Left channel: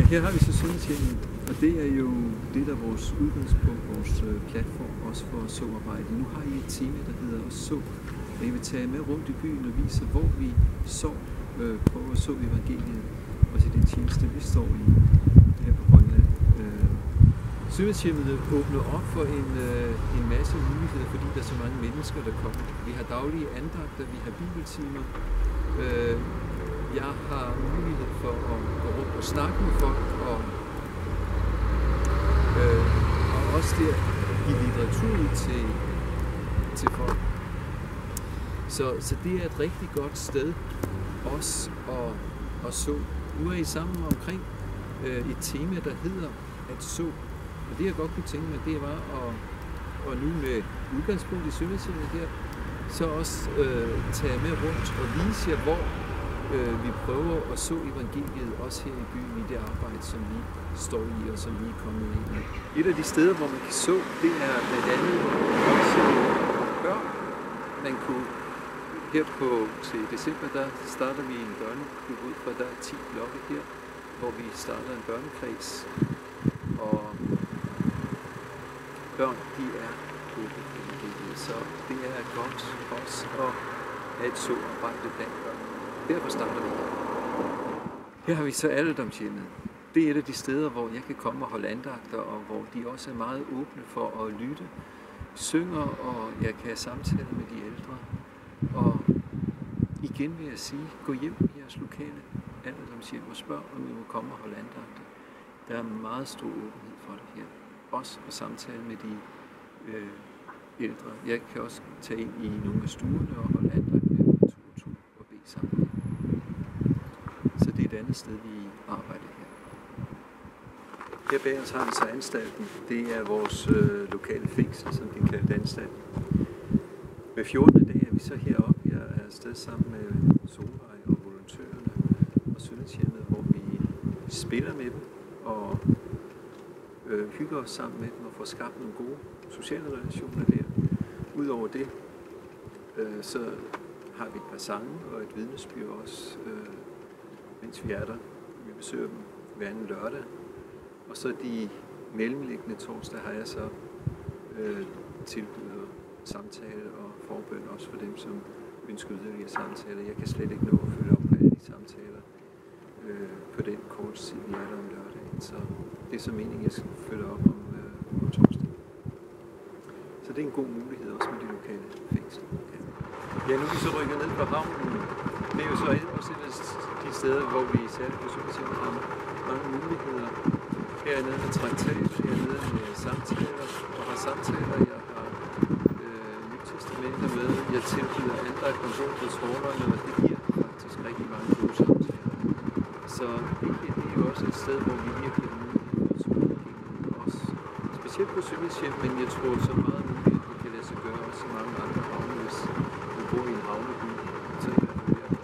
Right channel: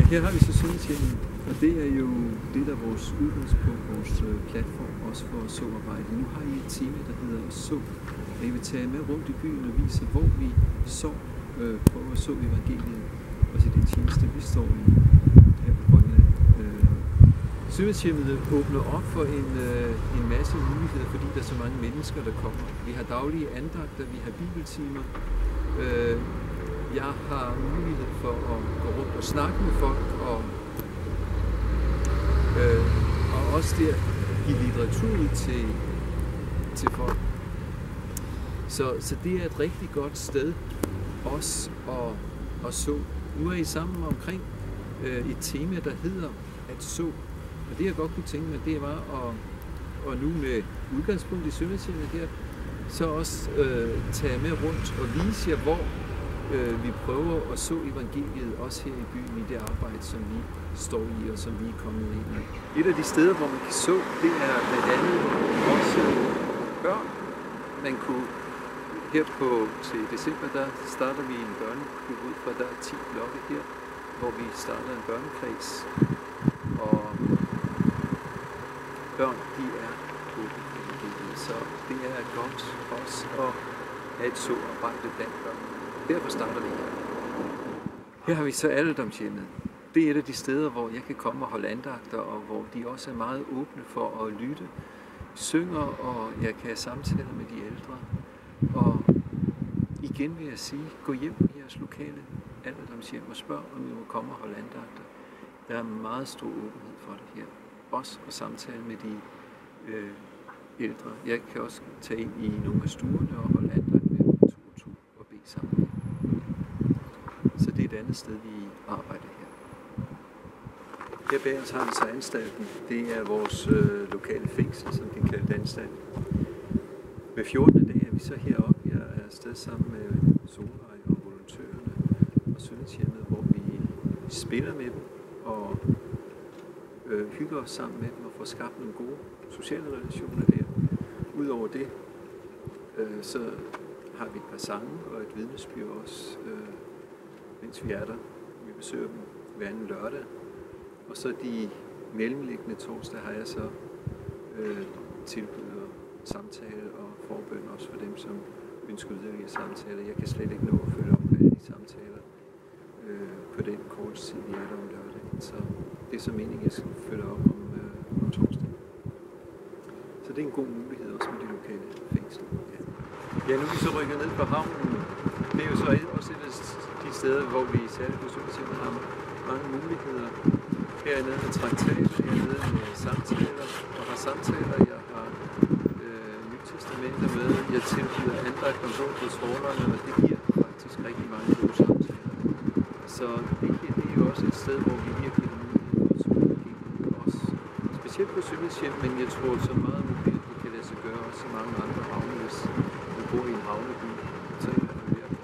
Ja, her har vi så Søndagshjemmet, og det er jo det, der er vores udgangspunkt, vores platform, også for såarbejde. Nu har I et tema, der hedder Så, og jeg vil tage med rundt i byen og vise, hvor vi prøver at så evangeliet, også i den tjeneste, vi står i her på Grønland. Søndagshjemmet åbner op for en masse muligheder, fordi der er så mange mennesker, der kommer. Vi har daglige andagter, vi har bibeltimer. Jeg har mulighed for at gå rundt og snakke med folk, og også der give litteratur ud til folk. Så det er et rigtig godt sted også at så. Nu er I sammen omkring et tema, der hedder at så. Og det jeg godt kunne tænke mig, det var at nu med udgangspunkt i Søndagshjemmet her, så også tage med rundt og vise jer, hvor vi prøver at så evangeliet også her i byen i det arbejde, som vi står i og som vi er kommet ind i. Et af de steder, hvor man kan så, det er blandt andet også børn. Man kunne her til december, der starter vi en børneklub ud fra, der er 10 blokke her, hvor vi starter en børnekreds. Og børn, de er åbne for evangeliet, så det er godt også at have et så arbejde blandt børn. Derfor starter vi her. Her har vi så alderdomshjemmet. Det er et af de steder, hvor jeg kan komme og holde andagter, og hvor de også er meget åbne for at lytte, synger, og jeg kan samtale med de ældre. Og igen vil jeg sige, gå hjem i jeres lokale alderdomshjem og spørg, om I må komme og holde andagter. Der er meget stor åbenhed for det her. Også at samtale med de ældre. Jeg kan også tage ind i nogle af stuerne og holde andagt med dem 2 og 2 og bede sammen med. Så det er et andet sted, vi arbejder her. Her bag os har vi så anstalten. Det er vores lokale fængsel, som de kalder anstalt. Hver 14. dag er vi så heroppe. Jeg er afsted sammen med Solvej og volontørerne og Søndagshjemmet, hvor vi spiller med dem og hygger os sammen med dem og får skabt nogle gode sociale relationer der. Udover det, så har vi et par sange og et vidnesbyrd også, mens vi er der. Vi besøger dem hver anden lørdag. Og så de mellemliggende torsdag har jeg så tilbyder samtale og forbøn også for dem, som ønsker yderligere samtaler. Jeg kan slet ikke nå at følge op på alle de samtaler på den korte tid, vi er der om lørdagen. Så det er så meningen, jeg skal følge op om torsdag. Så det er en god mulighed også med de lokale fængsler. Ja, nu er vi så rykket ned på havnen. Det er jo så også et af de steder, hvor vi særligt på Søndagshjemmet har mange muligheder. Her er nede med traktater, jeg er nede med samtaler, og har samtaler, jeg har Nyt Testamenter med. Jeg tilbyder andagt om bord på trålerne, og det giver faktisk rigtig mange gode samtaler. Så det her, det er jo også et sted, hvor vi virkelig har mulighed for at tro evangeliet også. Specielt på Søndagshjem, men jeg tror så meget muligt, at det kan lade sig gøre også i mange andre havne, hvis man bor i en havneby. Så er det i hvert fald